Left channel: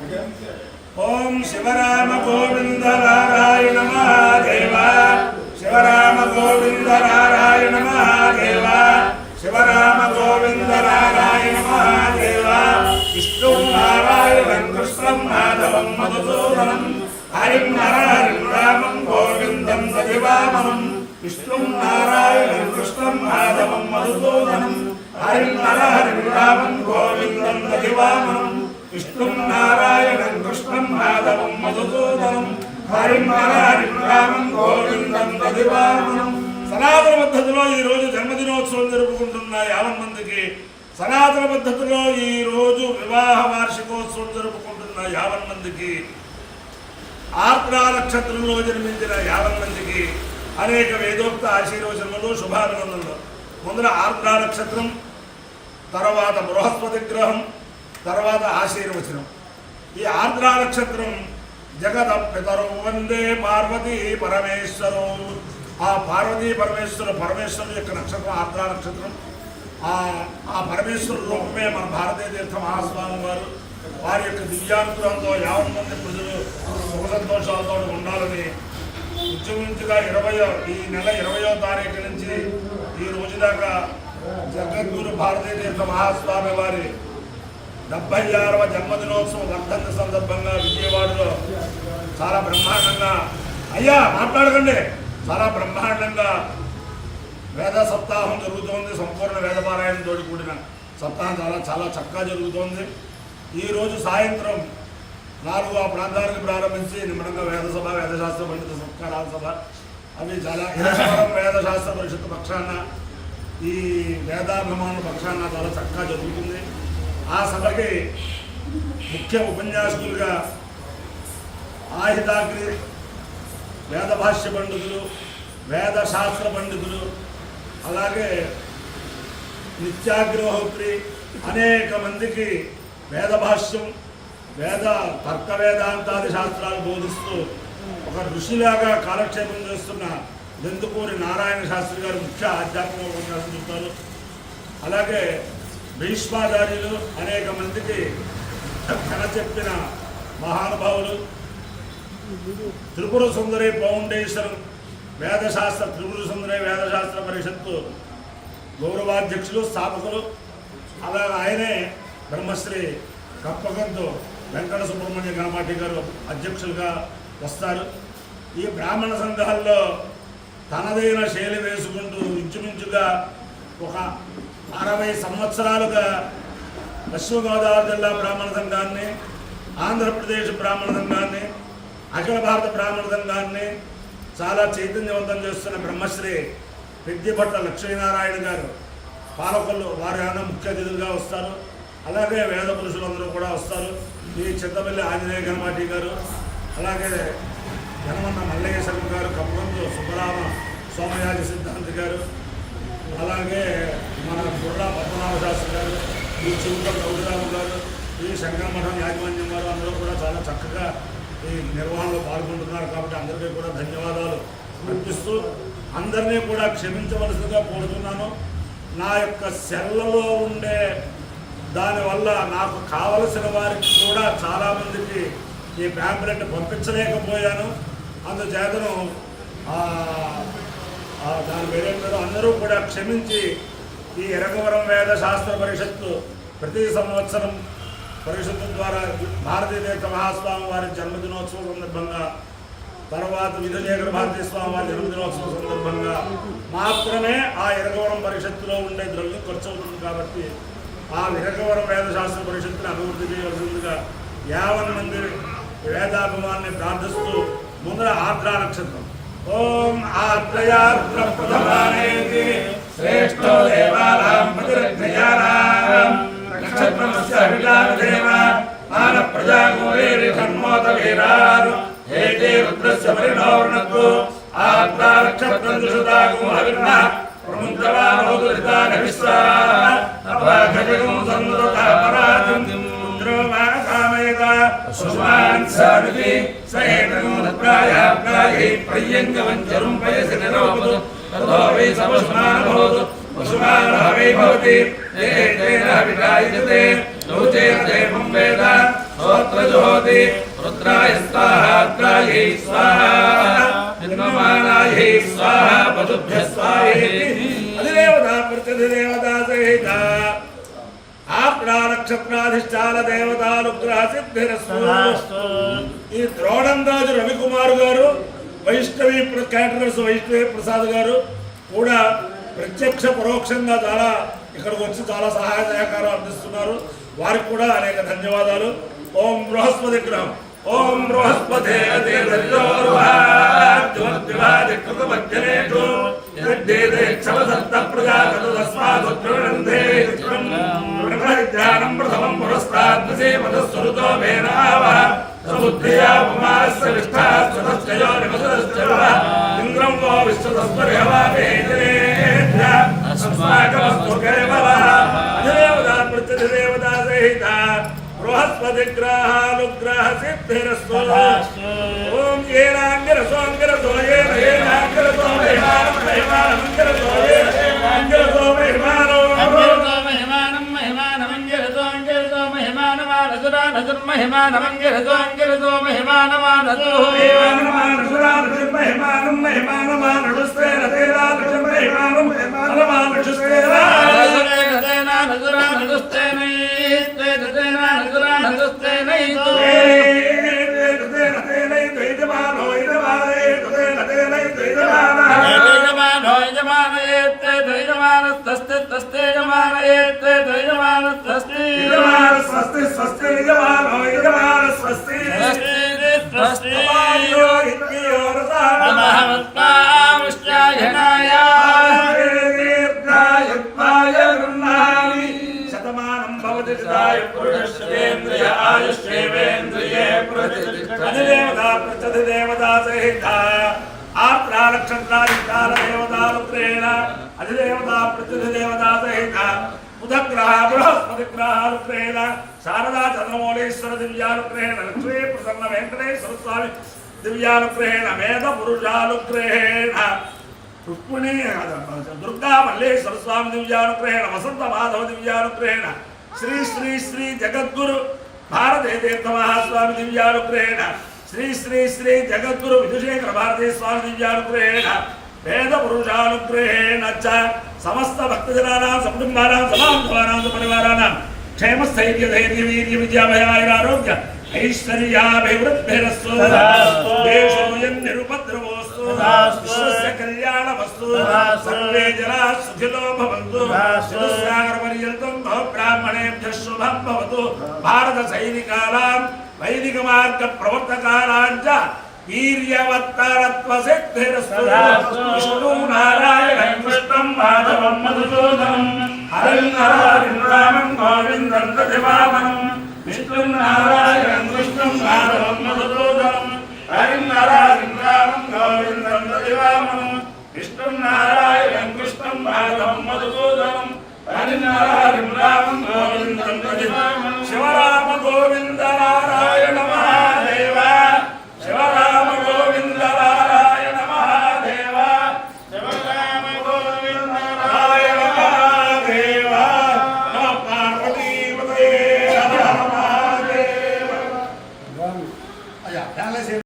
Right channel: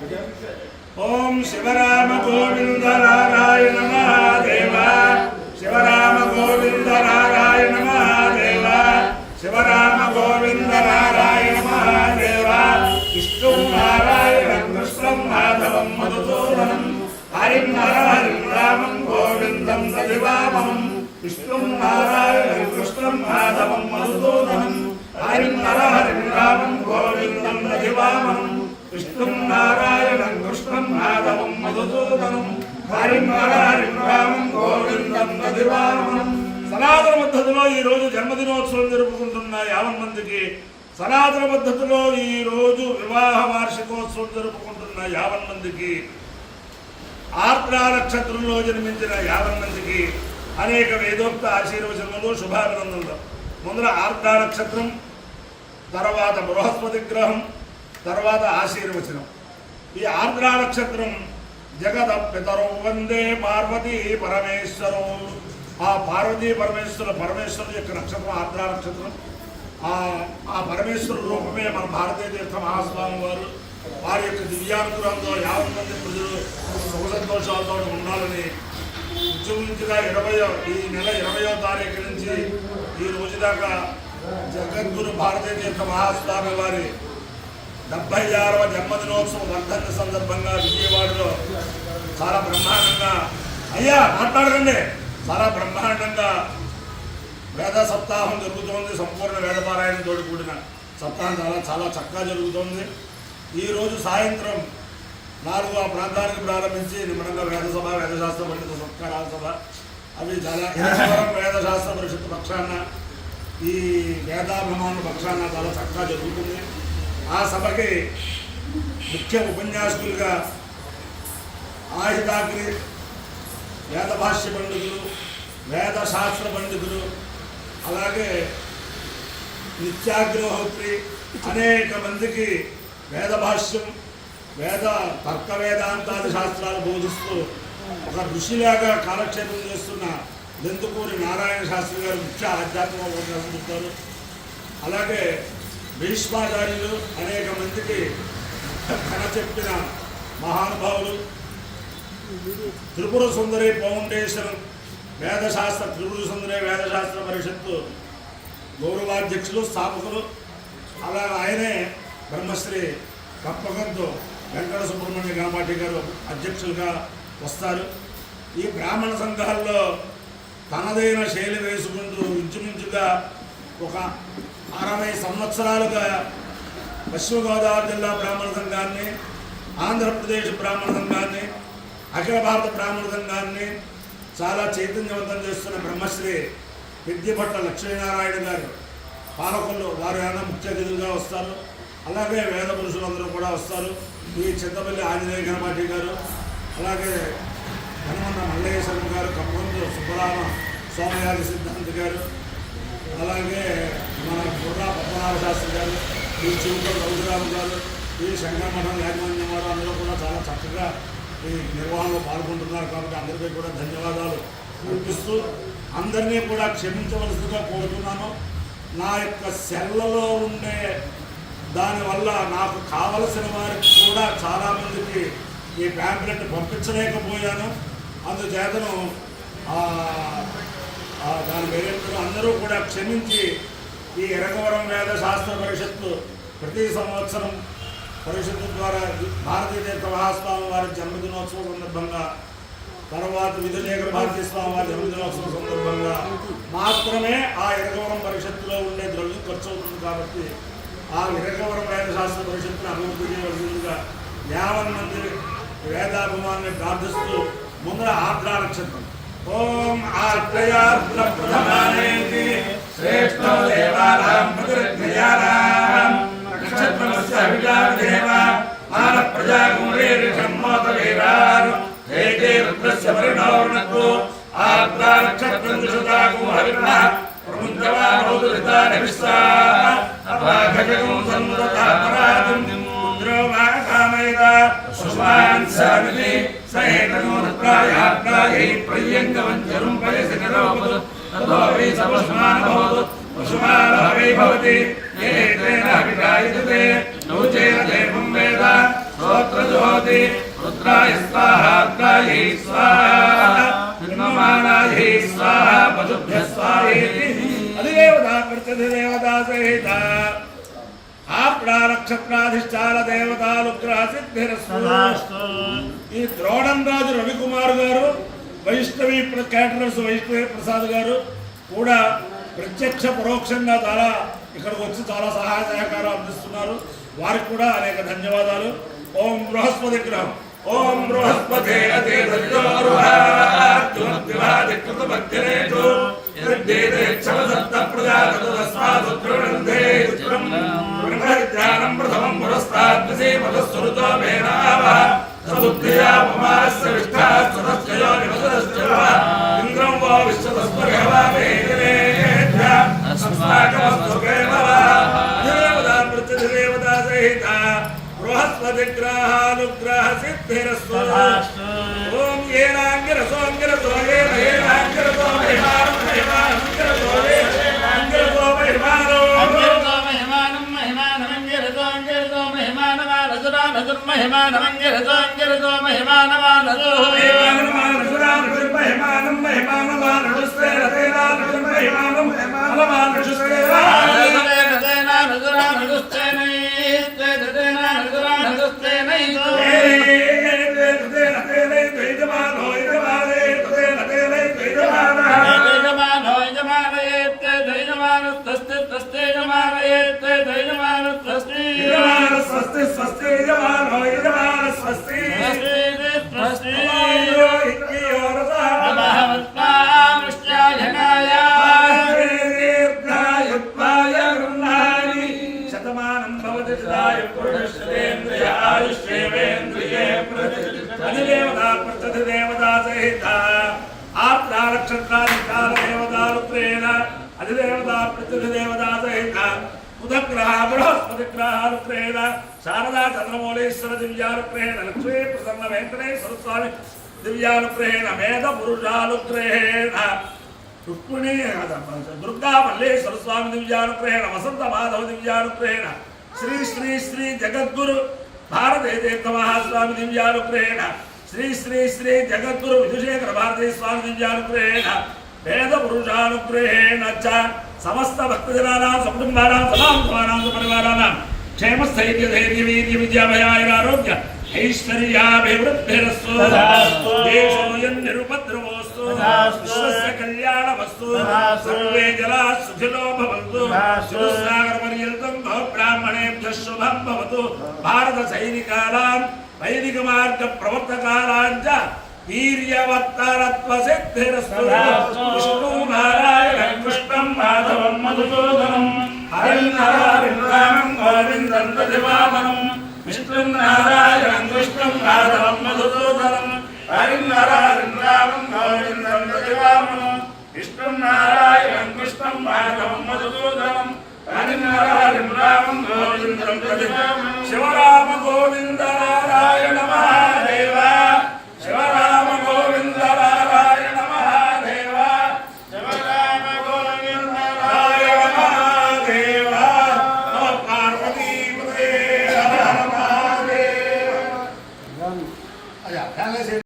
ओम शिवराम गोविंद नारायण महादेव शिवराम गोविंद नारायण महादेव शिवराम गोविंद नारायण महादेव विष्णु नारायण कृष्णं माधवं मधुसूदनं हरिं हरिं रामं गोविंदं सजीवामहं विष्णु नारायण कृष्णं माधवं मधुसूदनं हरिं हरिं रामं गोविंदं सजीवामहं विष्णु नारायण कृष्णं माधवं मधुसूदनं हरिं हरिं रामं गोविंदं सजीवामहं సనాతన పద్ధతిలో ఈ రోజు జన్మదినోత్సవం జరుపుకుంటున్న 50 మందికి సనాతన పద్ధతిలో ఈ రోజు వివాహ వార్షికోత్సవం జరుపుకుంటున్న 50 మందికి ఆర్ద్రా నక్షత్రంలో జన్మించిన 50 మందికి అనేక వేదోక్త ఆశీర్వచనములు శుభాభినందనలు. ముందర ఆర్ద్రా నక్షత్రం, తర్వాత బృహస్పతి గ్రహం, తర్వాత ఆశీర్వచనం. ఈ ఆర్ద్రా నక్షత్రం జగత పితరో వందే పార్వతీ పరమేశ్వరో. ఆ పార్వతీ పరమేశ్వరుడు యొక్క నక్షత్రం ఆర్ద్రా నక్షత్రం. ఆ పరమేశ్వరుడు రూపమే మన భారతీయ తీర్థ మహాస్వామి వారు. వారి యొక్క దివ్యానుగ్రహంతో 50 మంది ప్రజలు సుఖ సంతోషాలతో ఉండాలని ఇంచుమించుగా ఈ నెల 20వ తారీఖు నుంచి ఈ రోజు దాకా జగద్గురు భారతీయ తీర్థ మహాస్వామి వారి 76వ జన్మదినోత్సవం వర్ధంతి సందర్భంగా విజయవాడలో చాలా బ్రహ్మాండంగా మాట్లాడకండి చాలా బ్రహ్మాండంగా వేద సప్తాహం జరుగుతోంది. సంపూర్ణ వేదపారాయణతో కూడిన సప్తాహం చాలా చక్కగా జరుగుతోంది. ఈరోజు సాయంత్రం 4 ప్రాంతానికి ప్రారంభించి నిమ్మడంగా వేదసభ, వేదశాస్త్ర పండిత సత్కారాల సభ అవి చాలా ఇరవరం వేదశాస్త్ర పరిషత్ పక్షాన ఈ వేదాభిమానుల పక్షాన చాలా చక్కగా జరుగుతుంది. ఆ సభకి ముఖ్య ఉపన్యాసకులుగా ఆహితాగ్రి వేద భాష్య పండితులు, వేదశాస్త్ర పండితులు, అలాగే నిత్యాగ్రహోత్రి అనేక మందికి వేద భాష్యం, తర్క వేదాంతాది శాస్త్రాలు బోధిస్తూ ఒక ఋషిలాగా కాలక్షేపం చేస్తున్న దెందుకూరి నారాయణ శాస్త్రి గారు ముఖ్య ఆధ్యాత్మిక ఉపన్యాసం చెప్తారు. అలాగే భీష్మాచార్యులు అనేక మందికి కథ చెప్పిన మహానుభావులు, త్రిపుర సుందరి ఫౌండేషన్ వేదశాస్త్ర త్రిపుర సుందరి వేదశాస్త్ర పరిషత్తు గౌరవాధ్యక్షులు, స్థాపకులు. అలా ఆయనే బ్రహ్మశ్రీ కప్పగంతు వెంకట సుబ్రహ్మణ్య గణపాటి గారు అధ్యక్షులుగా వస్తారు. ఈ బ్రాహ్మణ సంఘాల్లో తనదైన శైలి వేసుకుంటూ ఇంచుమించుగా ఒక 60 సంవత్సరాలుగా పశ్చిమ గోదావరి జిల్లా బ్రాహ్మణ సంఘాన్ని, ఆంధ్రప్రదేశ్ బ్రాహ్మణ సంఘాన్ని, అఖిల భారత బ్రాహ్మణ సంఘాన్ని చాలా చైతన్యవంతం చేస్తున్న బ్రహ్మశ్రీ పెద్దిపట్ల లక్ష్మీనారాయణ గారు పాలకులు వారు ఆయన ముఖ్య అతిథులుగా వస్తారు. అలాగే వేద పురుషులందరూ కూడా వస్తారు. ఈ చింతపల్లి ఆంజనేయ గణపాటి గారు, అలాగే ఘనమన్న మల్లేశ్వరం గారు, కప్పగంతు సుబ్బరామ సోమయాజి సిద్ధాంతి గారు, అలాగే మన బుర్రా పద్మనాభ శాస్త్రి గారు, ఈ చిలుకల గౌరీరాము గారు, ఈ శంకరమఠం యాజమాన్యం వారు అందరూ కూడా చాలా చక్కగా ఈ నిర్వహణలో పాల్గొంటున్నారు. కాబట్టి అందరికీ కూడా ధన్యవాదాలు అర్పిస్తూ అందరినీ కూడా క్షమించవలసిందిగా కోరుతున్నాను. నా యొక్క సెల్లలో ఉండే దానివల్ల నాకు కావలసిన వారికి కూడా చాలామందికి ఈ ప్యాంప్లెట్ పంపించలేకపోయాను. అందుచేతను దాని వేరే అందరూ కూడా క్షమించి ఈ ఎరగవరం వేద శాస్త్ర పరిషత్తు ప్రతి సంవత్సరం పరిషత్తు ద్వారా భారతీయ తీర్థ మహాస్వామి వారి జన్మదినోత్సవం సందర్భంగా, తర్వాత విధుశేఖర భారతీ స్వామి వారి జన్మదినోత్సవం సందర్భంగా మాత్రమే ఆ ఎరగవరం పరిషత్తులో ఉండే ద్రవ్యం ఖర్చు అవుతుంది. కాబట్టి ఆ ఎరగవరం వేదశాస్త్ర పరిషత్తుని అభివృద్ధి చేయవలసిందిగా 50 మంది వేదాభిమాన్ని ప్రార్థిస్తూ ముందర ఆర్ద్రా నక్షత్రం ఓం ఆర్ద్రయార్ద్ర ప్రథమానేతి శ్రేష్ఠో దేవానాం ప్రతిరక్షయానాం నక్షత్రమస్య అభిగాదేవ మాన ప్రజాగోరేరిషన్మోత వీరారు ఏకే రుద్రస్య పరిణోర్ణకు ఆర్ద్రా నక్షత్రం దిశదాగు హవిర్మ ప్రముంచవాహోదురితానవిశ్వా అపాఘజగం సన్నుదతా పరాజం రుద్రోమాకామేత సుష్మాన్ సానుది సహేతనోత్ప్రాయాప్రాహి ప్రయ్యంగవంచరుం పయసి నిరవపదు తదో వై సపశుమానభవతు పశుమానభవై భవతి ఏతేన వికాయజతే లోచేన దేవం వేద स्तोत्रज्योति रुद्राय स्वाहा रुद्रायै स्वाहा निर्ममानायै स्वाहा वधुभ्यः स्वाहेति अधिदेवता प्रत्यधिदेवता सहित आपड़ा नक्षत्राधिष्ठान देवतानुग्रह सिद्धिरस्तु। ఈ ద్రోణంరాజు రవికుమార్ గారు వైష్ణవి క్యాటరర్స్ వైష్ణవి ప్రసాద్ గారు కూడా ప్రత్యక్ష పరోక్షంగా చాలా ఇక్కడికి వచ్చి చాలా సహాయ సహకారాలు అందిస్తున్నారు. వారికి కూడా అనేక ధన్యవాదాలు. ఓం బృహస్పతి గ్రహం ఓం బృహస్పతే ధ్యానం ప్రథమం పురస్తాద్విషేమధస్వరుతో మేనావ సముద్యా మమాస్య విష్టాస్తదస్యో నిమదస్యవ ఇంద్రం వో విశ్వతస్పర్హవావేజనేభ్య అస్మాకమస్తు కేవలః అధిదేవతా ప్రత్యధిదేవతా సహిత బృహస్పతి గ్రహానుగ్రహ సిద్ధిరస్తు. ఓం ఏనాంగిరసోంగిరసో ఏనాంగిరసో మహిమానం మహిమానంగిరసో ఏనాంగిరసో మహిమానం మహిమానమంగిరదో మహిమానమానదో మహిమానం మహిమానమానుస్తేన మహిమానం మహిమానమానుస్తేన స్వస్తి స్వస్తి యజమానో యజమాన స్వస్తి శతమానం భవతి పురుషేంద్రియ ఆయుష్యేంద్రియే అధిదేవతా ప్రత్యధిదేవతా సహిత ఆప్రా నక్షత్రాధికార దేవతానుగ్రహేణ అధిదేవతా ప్రత్యధిదేవతా సహిత బుధగ్రహ బృహస్పతి గ్రహానుగ్రహేణ శారదా చంద్రమౌళీశ్వర దివ్యానుగ్రహేణ లక్ష్మీ ప్రసన్న వెంకటేశ్వర స్వామి దివ్యానుగ్రహేణ వేద పురుషానుగ్రహేణ రుక్మిణీ దుర్గా మల్లేశ్వర స్వామి దివ్యానుగ్రహేణ వసంత మాధవ దివ్యానుగ్రహేణ శ్రీ శ్రీ శ్రీ జగద్గురు భారతీ తీర్థ మహాస్వామి దివ్యానుగ్రహేణ శ్రీ శ్రీ శ్రీ జగద్గురు విధుశేఖర భారతీ స్వామి దివ్యానుగ్రహేణ వేద పురుషానుగ్రహేణ చ సమస్త భక్తజనానాం సకుటుంబానాం సమాంతవానాం పరివారాణాం క్షేమ స్థైర్య ధైర్య వీర్య విద్యాభయారోగ్య ఐశ్వర్యాభివృద్ధిరస్తు దేశోయం నిరుపద్రవోస్తు విశ్వస్య కళ్యాణమస్తు సర్వే జనా సుఖినో భవంతు చతుస్సాగర పర్యంతం బ్రాహ్మణేభ్యః శుభం భవతు భారత సైనికానాం వైదిక మార్గ ప్రవర్తకానాం చ వీర్యవత్తరత్వ సిద్ధిరస్తు. విష్ణు నారాయణం కృష్ణం మాధవం మధుసూదనం హరిం నారాయణం రామం గోవిందం దశవామనం విష్ణు నారాయణం కృష్ణం మాధవం మధుసూదనం హరిం నారాయణం రామం గోవిందం దశవామనం విష్ణు నారాయణం కృష్ణం మాధవం మధుసూదనం హరిం నారాయణం రామం గోవిందం దశవామనం శివరామ గోవింద నారాయణ